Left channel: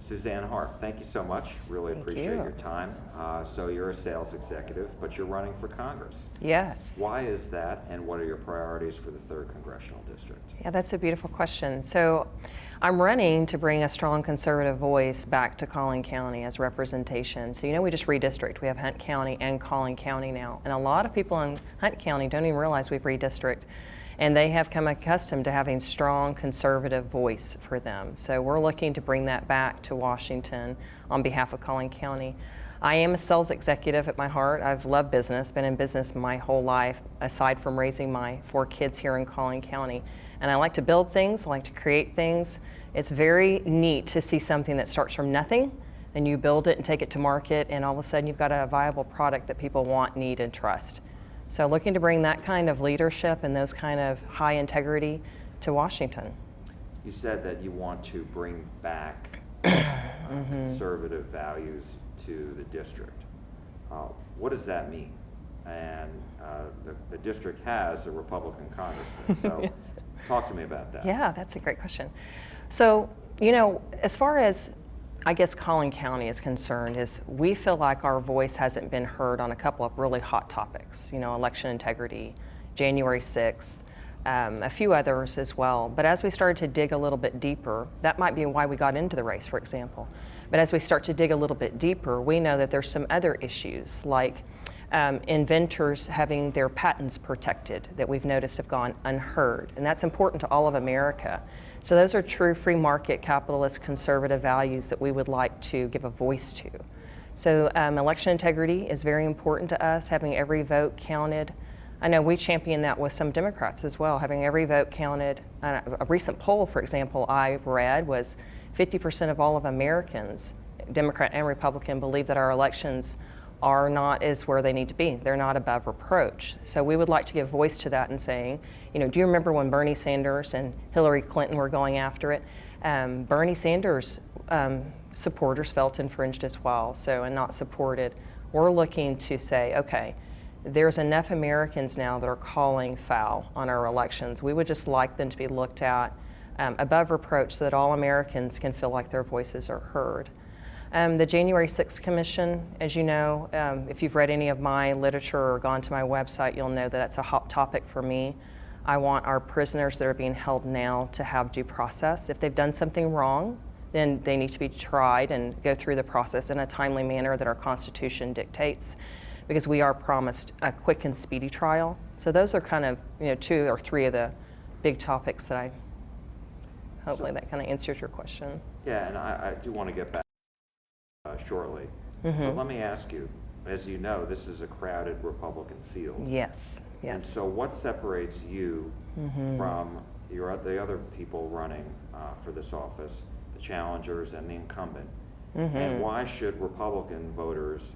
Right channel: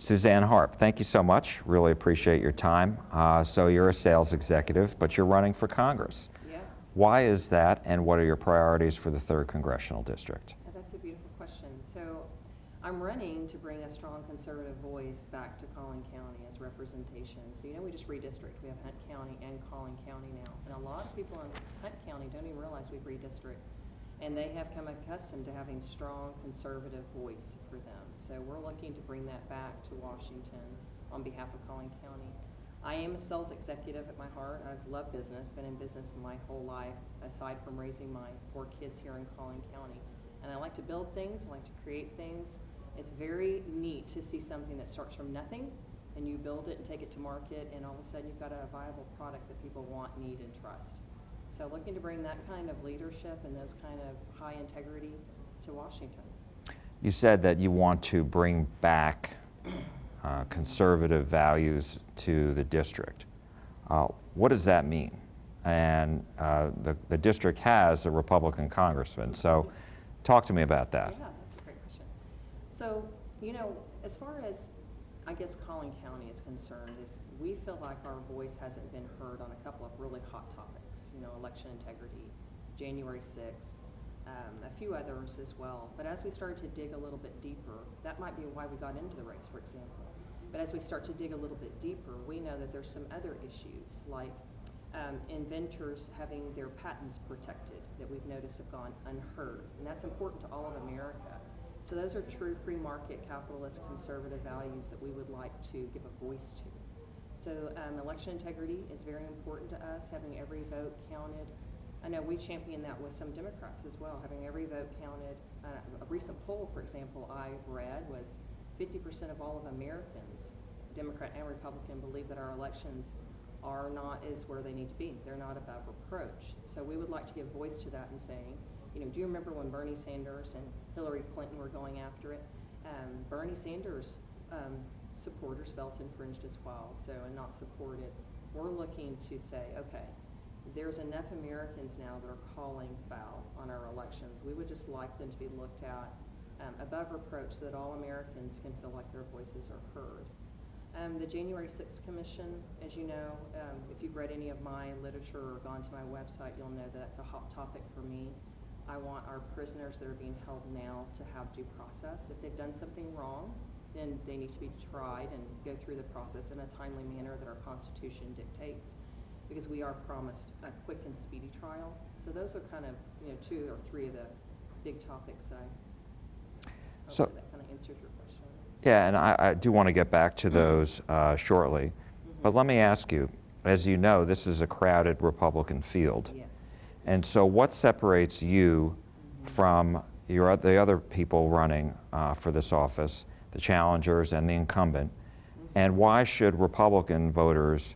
Suzanne Harp, thank you so much. Really appreciate your time. So you're a sales executive, but you're running for Congress. Yes. Why is that, and what are your priorities for the 3rd Congressional District? Yeah, that's a beautiful question. So I'm running to bring a strong conservative voice back to Collin County as representation. So we just redistrict. We have Hunt County and Collin County now. And a lot of people in Hunt County don't even realize we've redistricted. And they have come accustomed to having strong conservative voice for them. So we're looking to bring that back to Washington on behalf of Collin County. I am a sales executive at my heart. I've loved business, been in business my whole life, aside from raising my 4 kids here in Collin County. And I like to build things, I like to create things. It's very neat to see something that starts from nothing, and you build it and take it to market, and all of a sudden you've got a viable product that people want, need, and trust. So looking to bring that kind of leadership and those kind of high integrity to Washington. You said that you want to bring back conservative values to the district. What does that mean? And the district has a Republican congressman, so talk to me about that. Yeah, that's a great question. So, as far as I guess Collin County is concerned, is we feel like our voice hasn't been heard on a couple of really hot topics, election integrity, January 6th, a few others as well. But as we started to dig a little bit deeper, that might be why we got into the race, for example. But as we start to dig a little bit deeper, we know that there's some other issues like inventors having their patents protected that we've noticed have gone unheard. And that's important to all of America. So those are true free market, capitalist, conservative values that we would like to give a voice to. So election integrity is very important to us, having every vote counted. I know we champion that with some Democrats as well, having every vote counted. A recent poll, for example, I read was 50% of all of Americans, Democrat and Republican, believe that our elections are not as where they need to be. They're not above reproach. So we would like to give voice to that and saying, do you remember when Bernie Sanders and Hillary Clinton were going after it? Bernie Sanders supporters felt infringed as well, and not supported. We're looking to say, okay, there's enough Americans now that are calling foul on our elections. We would just like them to be looked at above reproach so that all Americans can feel like their voices are heard. The January 6th Commission, as you know, if you've read any of my literature or gone to my website, you'll know that that's a hot topic for me. I want our prisoners that are being held now to have due process. If they've done something wrong, then they need to be tried and go through the process in a timely manner that our Constitution dictates, because we are promised a quick and speedy trial. So those are kind of 2 or 3 of the big topics that hopefully that kind of answers your question. Yeah, and I do want to get back to those shortly. But let me ask you, as you know, this is a crowded Republican field. Yes. And so what separates you from the other people running for this office, the challengers and the incumbent? And why should Republican voters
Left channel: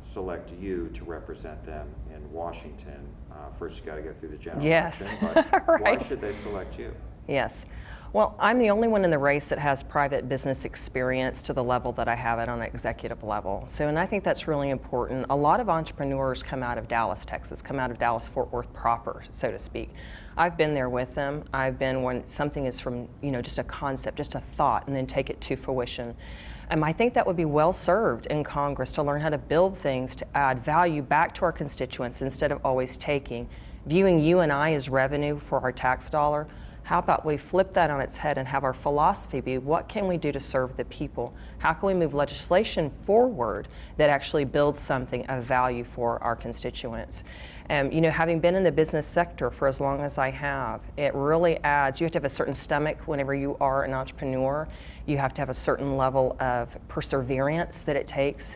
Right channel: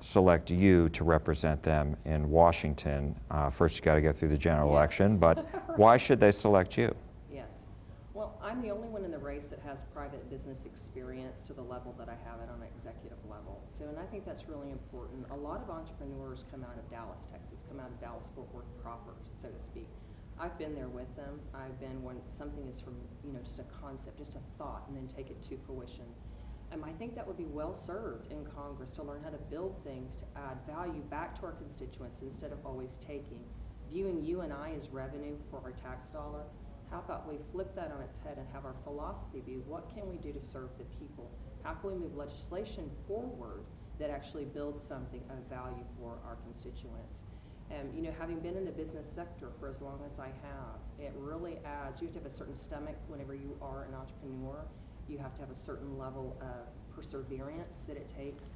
select you to represent them in Washington? First, you got to get through the general election, but right. Why should they select you? Yes. Well, I'm the only one in the race that has private business experience to the level that I have it on an executive level. And I think that's really important. A lot of entrepreneurs come out of Dallas, Texas, come out of Dallas-Fort Worth proper, so to speak. I've been there with them. I've been when something is from, just a concept, just a thought, and then take it to fruition. I think that would be well served in Congress to learn how to build things to add value back to our constituents instead of always taking. Viewing you and I as revenue for our tax dollar, how about we flip that on its head and have our philosophy be, what can we do to serve the people? How can we move legislation forward that actually builds something of value for our constituents? Having been in the business sector for as long as I have, it really adds, you have to have a certain stomach whenever you are an entrepreneur. You have to have a certain level of perseverance that it takes.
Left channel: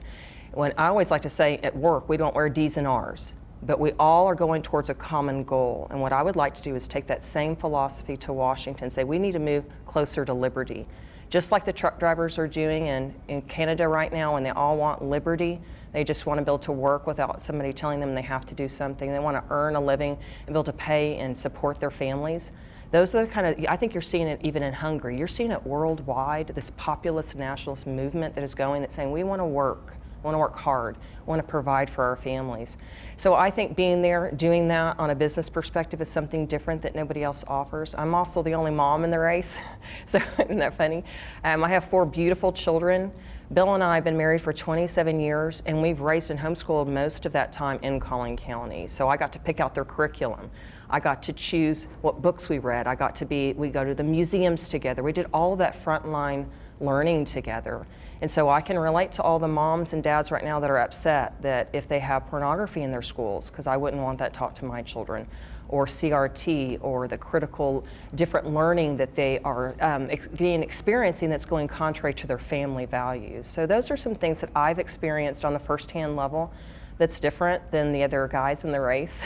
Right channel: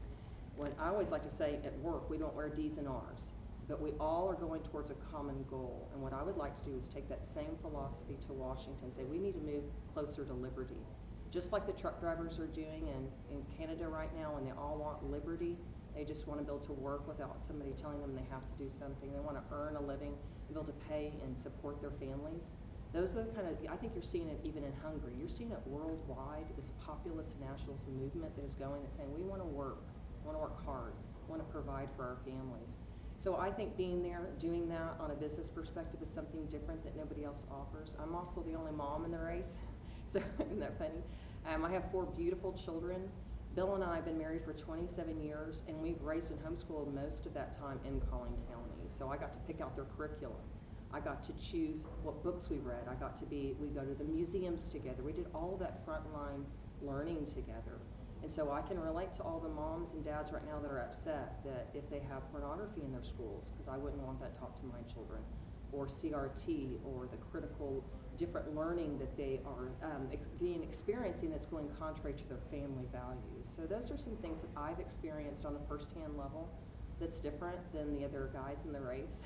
When I always like to say at work, we don't wear D's and R's. But we all are going towards a common goal. And what I would like to do is take that same philosophy to Washington and say we need to move closer to liberty. Just like the truck drivers are doing in Canada right now, and they all want liberty. They just want to be able to work without somebody telling them they have to do something. They want to earn a living and be able to pay and support their families. Those are the kind of, I think you're seeing it even in Hungary. You're seeing it worldwide, this populist nationalist movement that is going, that's saying we want to work want to work hard, want to provide for our families. So I think being there, doing that on a business perspective is something different that nobody else offers. I'm also the only mom in the race, so isn't that funny? I have 4 beautiful children. Bill and I have been married for 27 years, and we've raised and homeschooled most of that time in Collin County. So I got to pick out their curriculum. I got to choose what books we read. We go to the museums together. We did all of that frontline learning together. And so I can relate to all the moms and dads right now that are upset that if they have pornography in their schools, because I wouldn't want that taught to my children, or CRT, or the critical different learning that they are experiencing that's going contrary to their family values. So those are some things that I've experienced on the firsthand level that's different than the other guys in the race.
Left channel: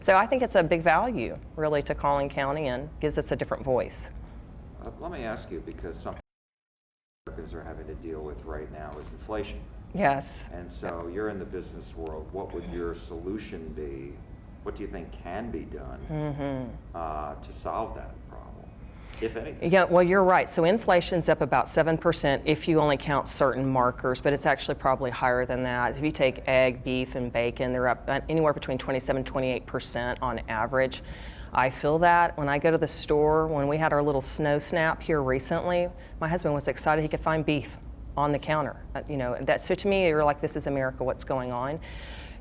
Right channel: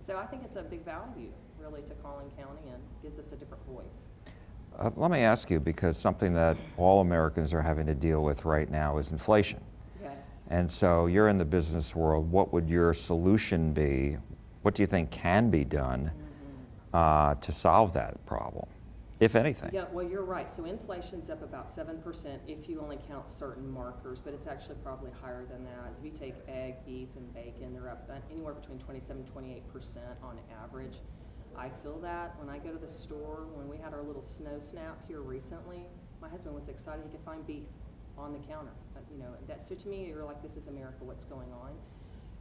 So I think it's a big value, really, to Collin County and gives us a different voice. Let me ask you, because something that all Americans are having to deal with right now is inflation. Yes. And so you're in the business world. What would your solution be? What do you think can be done to solve that problem, if anything? Yeah, well, you're right. So inflation's up about 7% if you only count certain markers, but it's actually probably higher than that. If you take egg, beef, and bacon, they're up anywhere between 27, 28% on average. I feel that when I go to the store. When we had our little snow snap here recently, my husband was excited he could find beef on the counter. So to me, you're like, this is America, what's going on?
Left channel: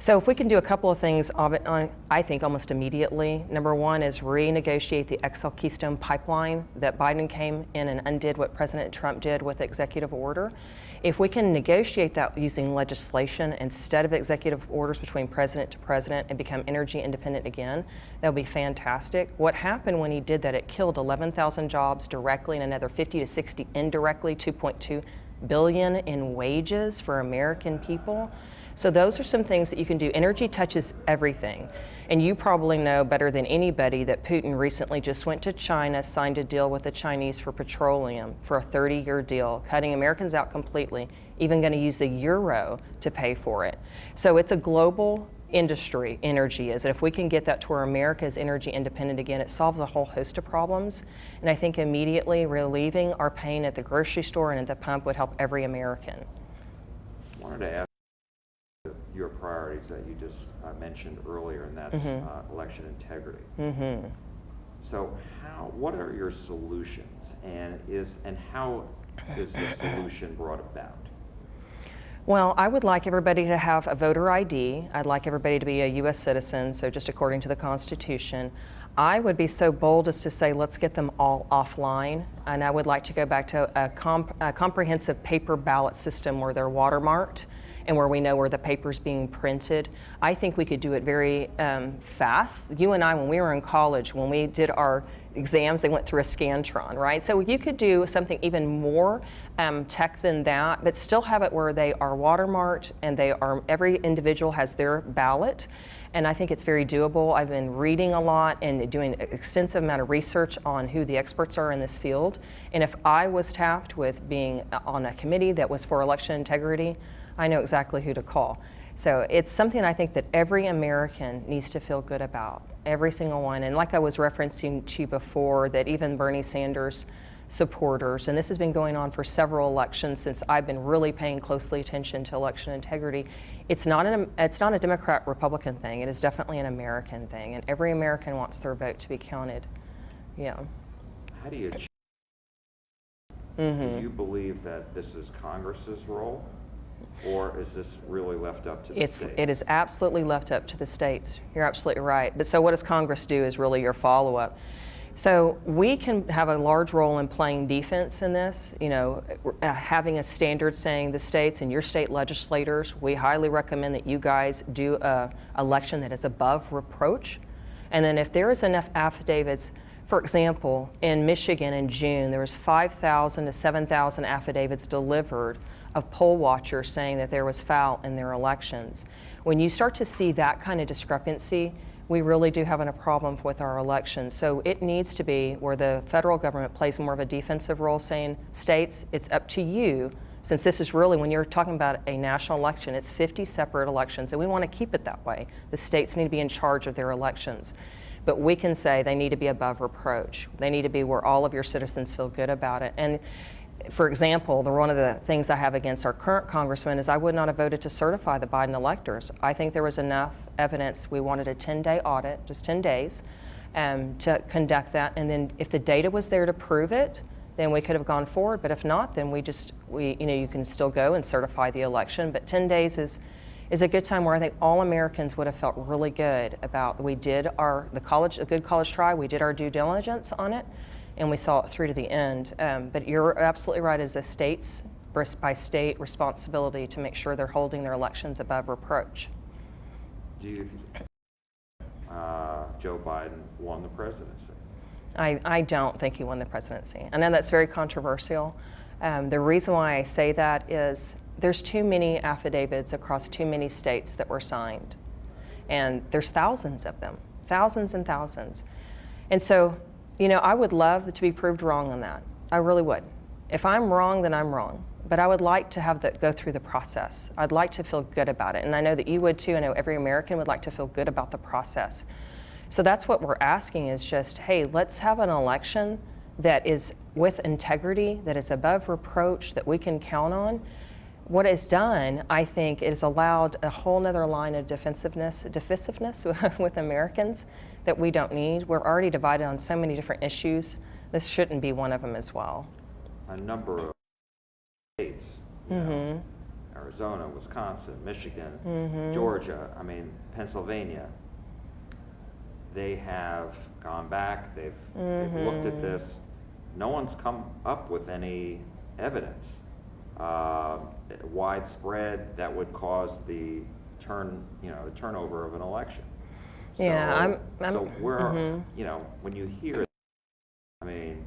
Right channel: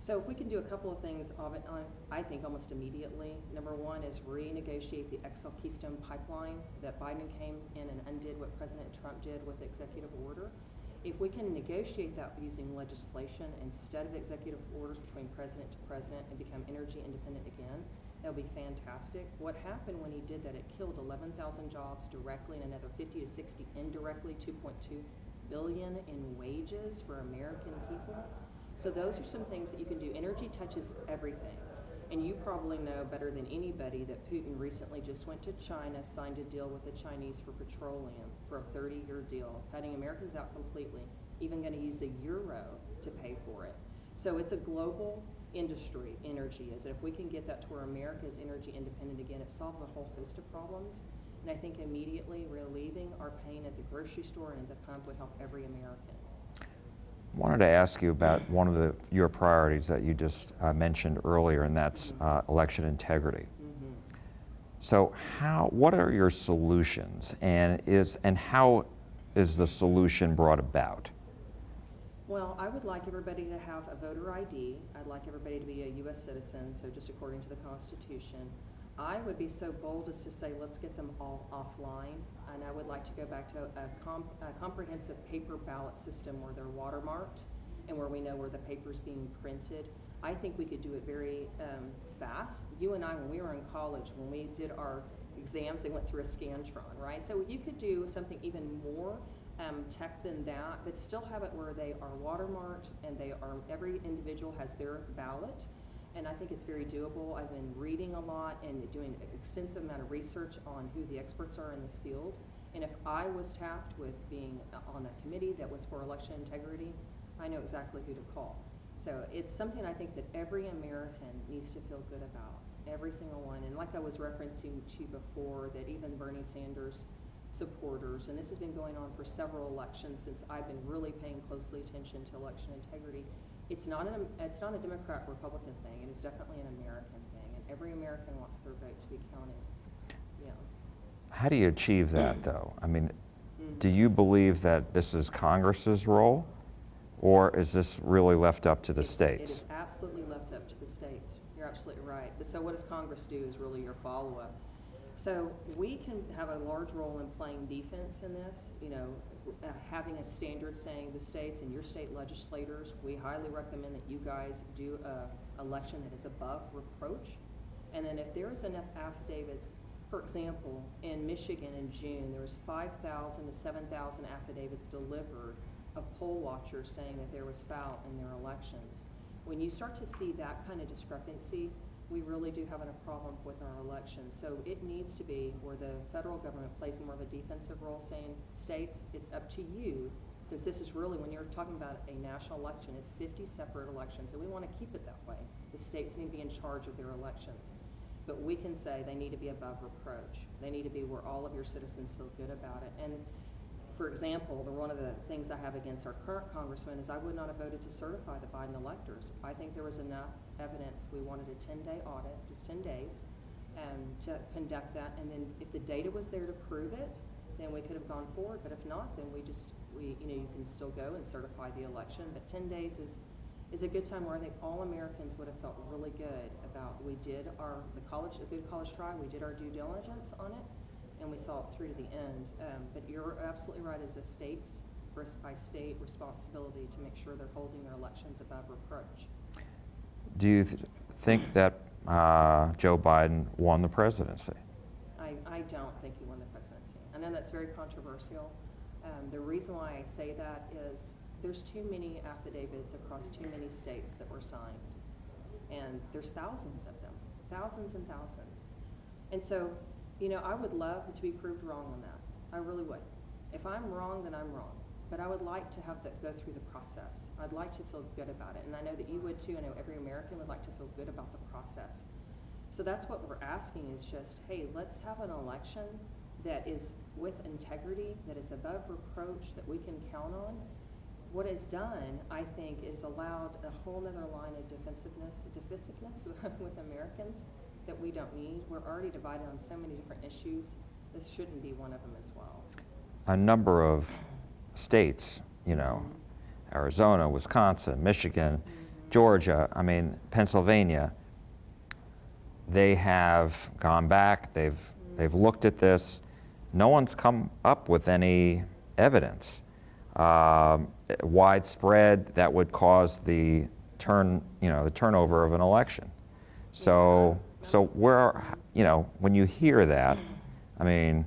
So if we can do a couple of things, I think almost immediately. Number one is renegotiate the XL Keystone Pipeline that Biden came in and undid what President Trump did with executive order. If we can negotiate that using legislation instead of executive orders between president to president and become energy independent again, that would be fantastic. What happened when he did that, it killed 11,000 jobs directly and another 50 to 60 indirectly, 2.2 billion in wages for American people. So those are some things that you can do. Energy touches everything. And you probably know better than anybody that Putin recently just went to China, signed a deal with the Chinese for petroleum for a 30-year deal, cutting Americans out completely, even going to use the euro to pay for it. So it's a global industry, energy is. And if we can get that to where America is energy independent again, it solves a whole host of problems. And I think immediately relieving our pain at the grocery store and at the pump would help every American. I wanted to ask you about one of your priorities that you just mentioned earlier, and that's election integrity. So what are your solutions, and how is the solution brought about? Well, I would like everybody to have a voter ID. I'd like everybody to be a U.S. citizen, so just according to the Constitution. I would be so bold as to say, let's get them all offline. And I would like to go back to a comprehensive paper ballot system where they're watermarked and where we know where the paper's being printed. I think we could do it very fast. You and I, when we were in college, when we did our exams, they went through a Scantron, right? So you could do something even more tech than that, but still have it where they are watermarked and every individual has their ballot. And I think it's very doable. I've been reading a lot and doing an extensive amount of research on who the experts are in this field. And if I was tapped with being on a committee that was for election integrity, I know exactly who to call. So it's something I think that every American needs to feel good about, every single one. And like I was referencing to you before, that even Bernie Sanders supporters, and this has been going on for several elections since I've been really paying closely attention to election integrity. It's not a Democrat-Republican thing. It is definitely an American thing, and every American wants their vote to be counted. Yeah. How do you achieve that, though? I mean, do you believe that this is Congress's role, or is this really left up to the states? It is absolutely left up to the states. You're absolutely right. But so what does Congress do is really your follow-up. So we can have a large role in playing defense in this, having a standard saying the states and your state legislators, we highly recommend that you guys do an election that is above reproach. And then if there is enough affidavits, for example, in Michigan in June, there was 5,000 to 7,000 affidavits delivered of poll watchers saying that there was foul in their elections. When you start to see that kind of discrepancy, we really do have a problem with our elections. So it needs to be where the federal government plays more of a defensive role, saying, states, it's up to you, since this is really, when you're talking about a national election, it's 50 separate elections, and we want to keep it that way. The states need to be in charge of their elections. But we can say they need to be above reproach. They need to be where all of your citizens feel good about it. And for example, one of the things I have against our current congressman is I would not have voted to certify the Biden electors. I think there was enough evidence. We wanted a 10-day audit, just 10 days, to conduct that. And then if the data was there to prove it, then we could have gone forward. But if not, then you can still go and certify the election. But 10 days is a good time where I think all Americans would have felt really good about, we did a good college try, we did our due diligence on it, and we saw it through to the end. But you're absolutely right, as a state's by state responsibility to make sure they're holding their elections above reproach. Do you think that Joe Biden won the presidency? I don't think he won the presidency. I know that's very controversial. The reason why I say that is there's too many affidavits across too many states that were signed. And there's thousands of them, thousands and thousands. And so, I would love to be proved wrong on that. I really would. If I'm wrong, then I'm wrong. But I would like to have that go through the process. I'd like to feel good about it. And I know that you would too. I know every American would like to feel good about the process. So that's what we're asking, is just, hey, let's have an election that is with integrity, that is above reproach, that we can count on. What it's done, I think, is allowed a whole nother line of divisiveness with Americans that we don't need. We're already divided on so many different issues. This shouldn't be one of them as well. A number of states, Arizona, Wisconsin, Michigan, Georgia, Pennsylvania, they have gone back, they've looked at this. No one's come up with any evidence widespread that would cause the turnover of an election. So, when you hear that, the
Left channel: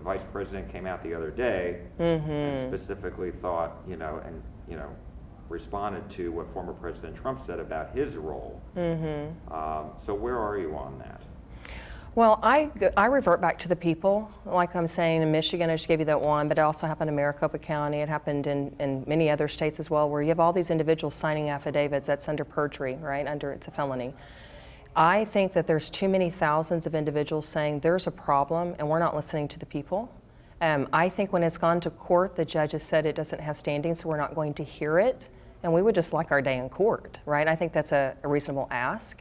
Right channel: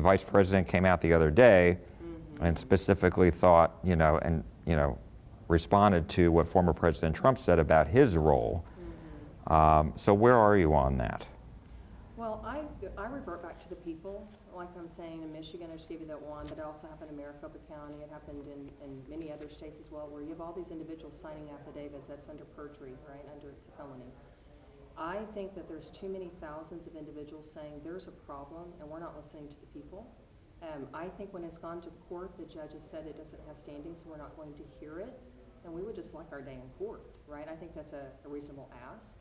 vice president came out the other day and specifically thought, responded to what former President Trump said about his role. So where are you on that? Well, I revert back to the people. Like I'm saying, in Michigan, I just gave you that one, but it also happened in Maricopa County. It happened in many other states as well, where you have all these individuals signing affidavits. That's under perjury, right? It's a felony. I think that there's too many thousands of individuals saying there's a problem and we're not listening to the people. I think when it's gone to court, the judge has said it doesn't have standing, so we're not going to hear it. And we would just like our day in court, right? I think that's a reasonable ask,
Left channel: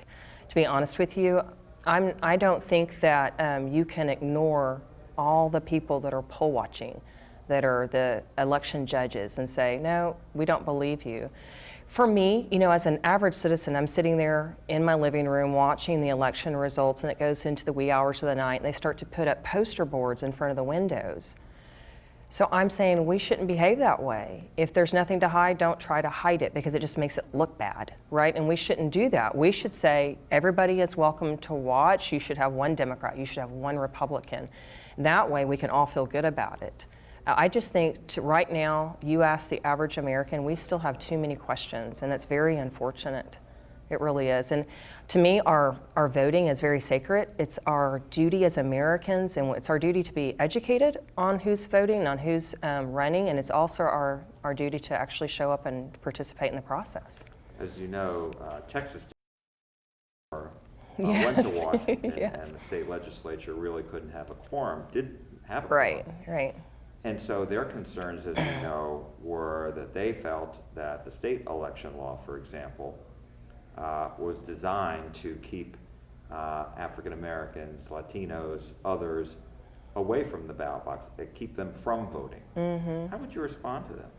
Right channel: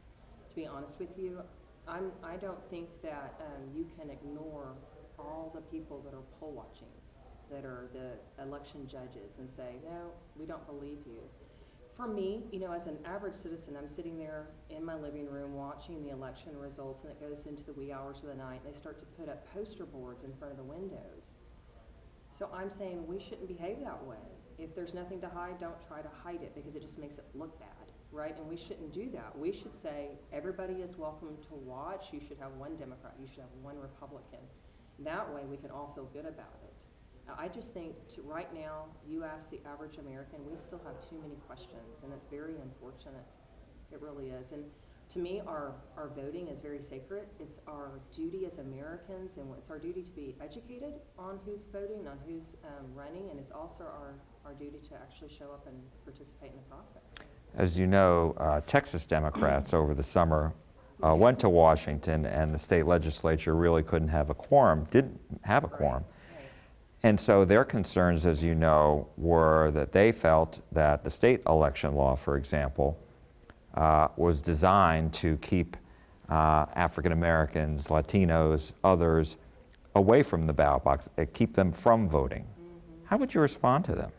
to be honest with you. I don't think that you can ignore all the people that are poll watching, that are the election judges, and say, no, we don't believe you. For me, as an average citizen, I'm sitting there in my living room watching the election results, and it goes into the wee hours of the night, and they start to put up poster boards in front of the windows. So I'm saying we shouldn't behave that way. If there's nothing to hide, don't try to hide it, because it just makes it look bad, right? And we shouldn't do that. We should say everybody is welcome to watch. You should have one Democrat. You should have one Republican. That way we can all feel good about it. I just think right now, you ask the average American, we still have too many questions, and it's very unfortunate. It really is. And to me, our voting is very sacred. It's our duty as Americans, and it's our duty to be educated on who's voting, on who's running, and it's also our duty to actually show up and participate in the process. As you know, Texas Democrats over the summer went to Washington, Yes. and the state legislature really couldn't have a quorum, didn't have a quorum. Right. And so their concerns, as you know, were that they felt that the state election law, for example, was designed to keep African Americans, Latinos, others away from the ballot box, keep them from voting. How would you respond to them?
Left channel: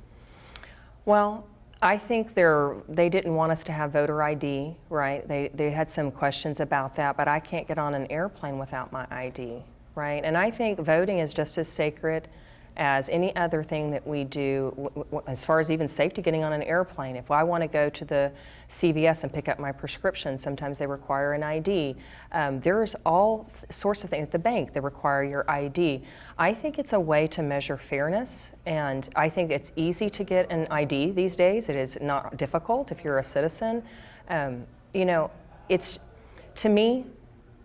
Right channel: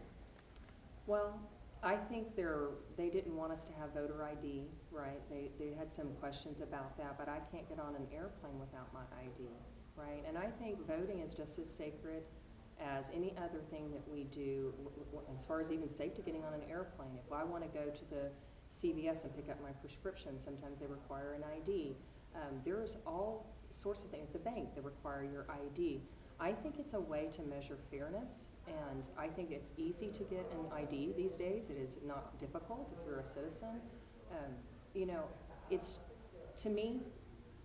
Well, I think they didn't want us to have voter ID, right? They had some questions about that, but I can't get on an airplane without my ID, right? And I think voting is just as sacred as any other thing that we do, as far as even safety getting on an airplane. If I want to go to the CVS and pick up my prescription, sometimes they require an ID. There's all sorts of things at the bank that require your ID. I think it's a way to measure fairness, and I think it's easy to get an ID these days. It is not difficult if you're a citizen. It's, to me,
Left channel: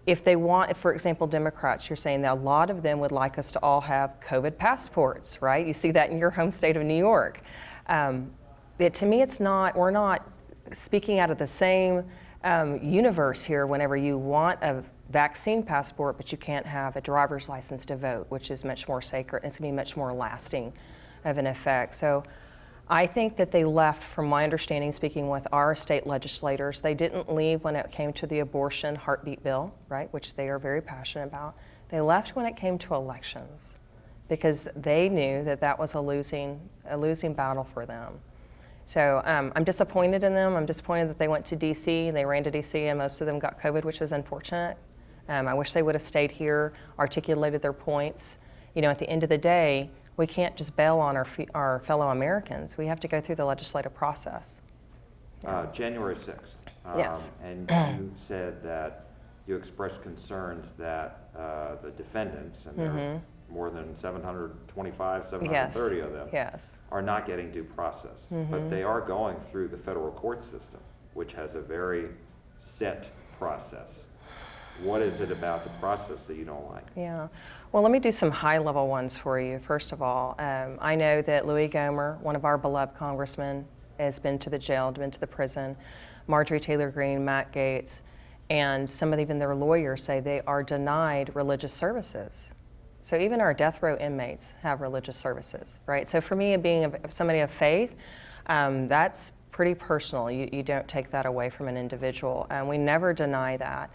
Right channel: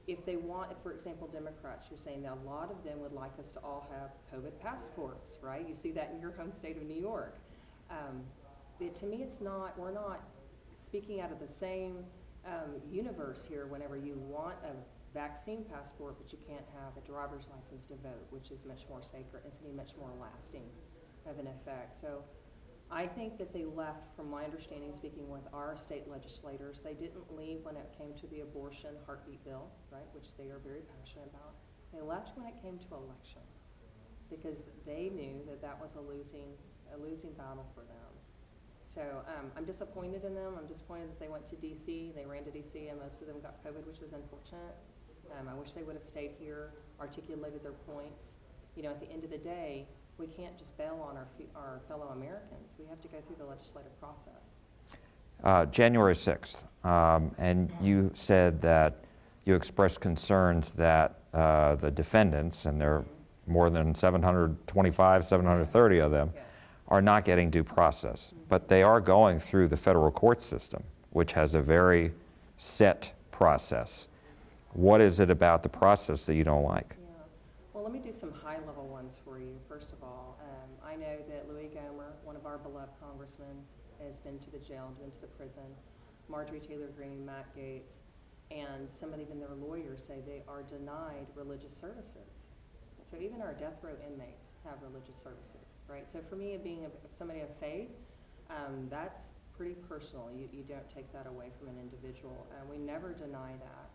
if they want, for example, Democrats, you're saying that a lot of them would like us to all have COVID passports, right? You see that in your home state of New York. To me, we're not speaking out of the same universe here whenever you want a vaccine passport, but you can't have a driver's license to vote, which is much more sacred, and it's gonna be much more lasting. of an effect. So I think that they left, from my understanding, speaking with our state legislators, they didn't leave when it came to the abortion heartbeat bill, right, which they are very passionate about. They left when it came to elections because they knew that that was a losing battle for them. So I'm disappointed in them. I'm disappointed that they went to DC, they ran to DC, and most of them got COVID, which was unfortunate. I wish they would have stayed here, articulated their points. You know, at the end of the day, we can't just bail on our fellow Americans. We have to go through the legislative process. January 6th, Yes. and you said that you expressed concerns that the defendants, and there are more than 725, 730 of them, Yes. are not getting due process. But they are going through the federal court system, which has a very set process. What is it about the process that you don't like? Yeah. Well, let me do some high-level ones for you. First of all, I know that Louis Gohmert, one of our beloved congressmen, has been to the jail, been to the prison. Marjorie Taylor Greene, Matt Gaetz, and some of even their lawyers say they are denied religious services. So even our death row inmates have religious services, right? So for me, being somebody of faith, that's pretty personal. You don't take that away from an individual, and we never deny that.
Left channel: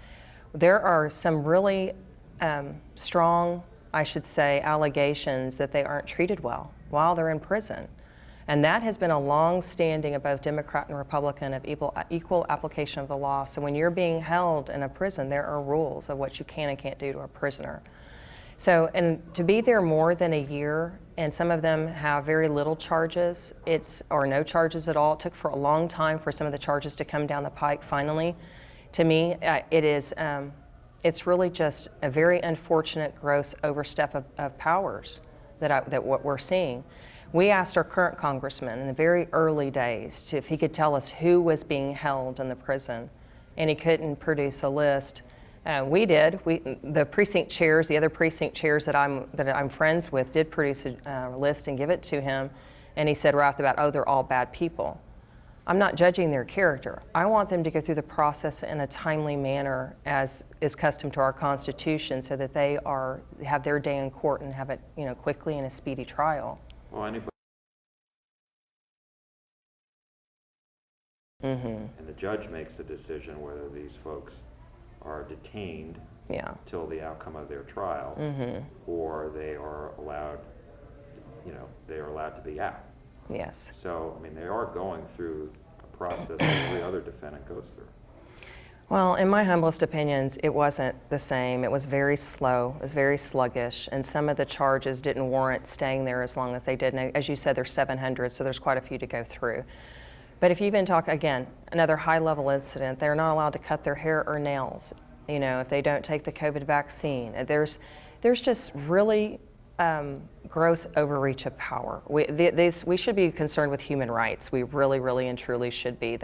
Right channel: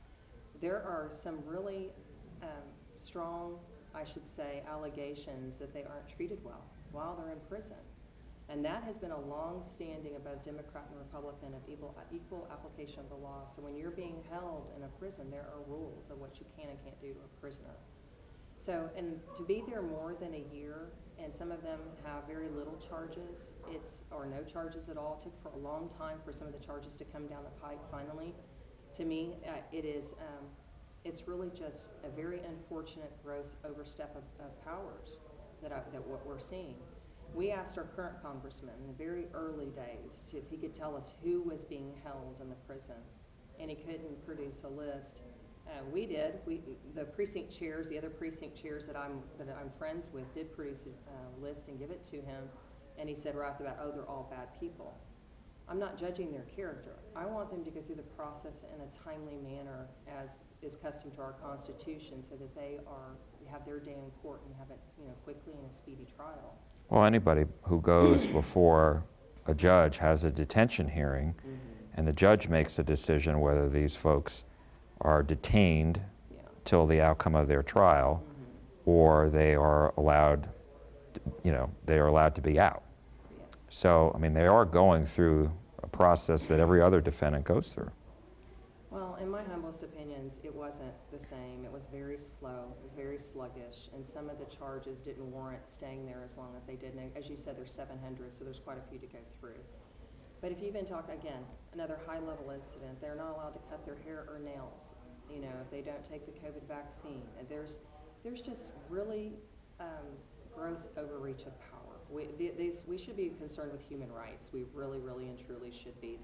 There are some really strong, I should say, allegations that they aren't treated well while they're in prison. And that has been a long-standing of both Democrat and Republican of equal application of the law. So when you're being held in a prison, there are rules of what you can and can't do to a prisoner. So, and to be there more than a year, and some of them have very little charges, or no charges at all. It took for a long time for some of the charges to come down the pike finally. To me, it's really just a very unfortunate, gross overstep of powers that what we're seeing. We asked our current congressman in the very early days if he could tell us who was being held in the prison, and he couldn't produce a list. We did. The precinct chairs, the other precinct chairs that I'm friends with, did produce a list and give it to him, and he said right off the bat, "Oh, they're all bad people." I'm not judging their character. I want them to go through the process in a timely manner, as is custom to our Constitution, so that they have their day in court and have it, quickly in a speedy trial. Well, anybody who goes before a judge has a detention hearing, and the judge makes a decision whether these folks are detained till the outcome of their trial, or they are allowed, to be out. Yes. So, I mean, they are going through a process that every other defendant goes through. Well, in my humblest opinions, it wasn't the same. It was very slow, it was very sluggish, and some of the charges didn't warrant staying there as long as they did. And as you said, there's 700, so there's quite a few to go through. But if you even talk, again, another high-level incident, they're not allowed to cut their hair or nails, if they don't take the COVID vaccine. There's just really gross overreach of power. We should be concerned with human rights. We really, really and truly should be.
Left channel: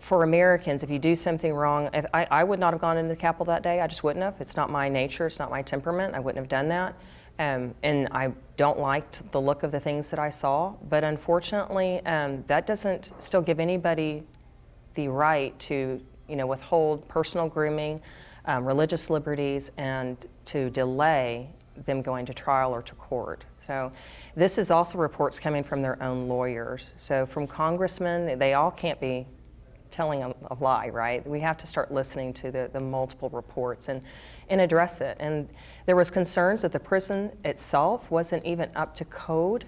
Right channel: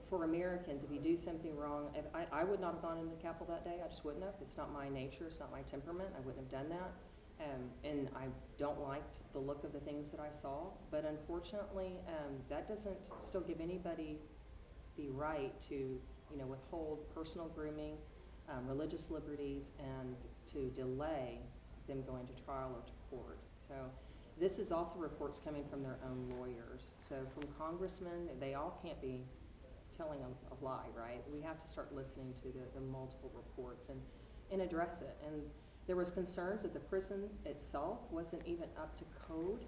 For Americans, if you do something wrong, I would not have gone into the Capitol that day. I just wouldn't have. It's not my nature. It's not my temperament. I wouldn't have done that. And I don't like the look of the things that I saw. But unfortunately, that doesn't still give anybody the right to, withhold personal grooming, religious liberties, and to delay them going to trial or to court. So this is also reports coming from their own lawyers. So from congressmen, they all can't be telling a lie, right? We have to start listening to the multiple reports and address it. And there was concerns that the prison itself wasn't even up to code.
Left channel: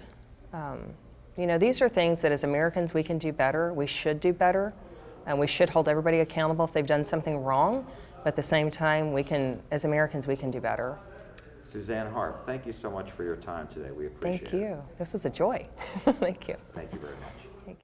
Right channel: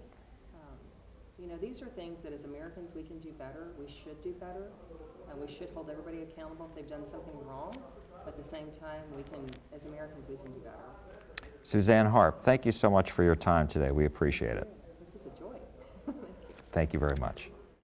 These are things that as Americans we can do better, we should do better, and we should hold everybody accountable if they've done something wrong. But at the same time, as Americans, we can do better. Suzanne Harp, thank you so much for your time today. We appreciate it. Thank you. This is a joy. Thank you. Thank you very much.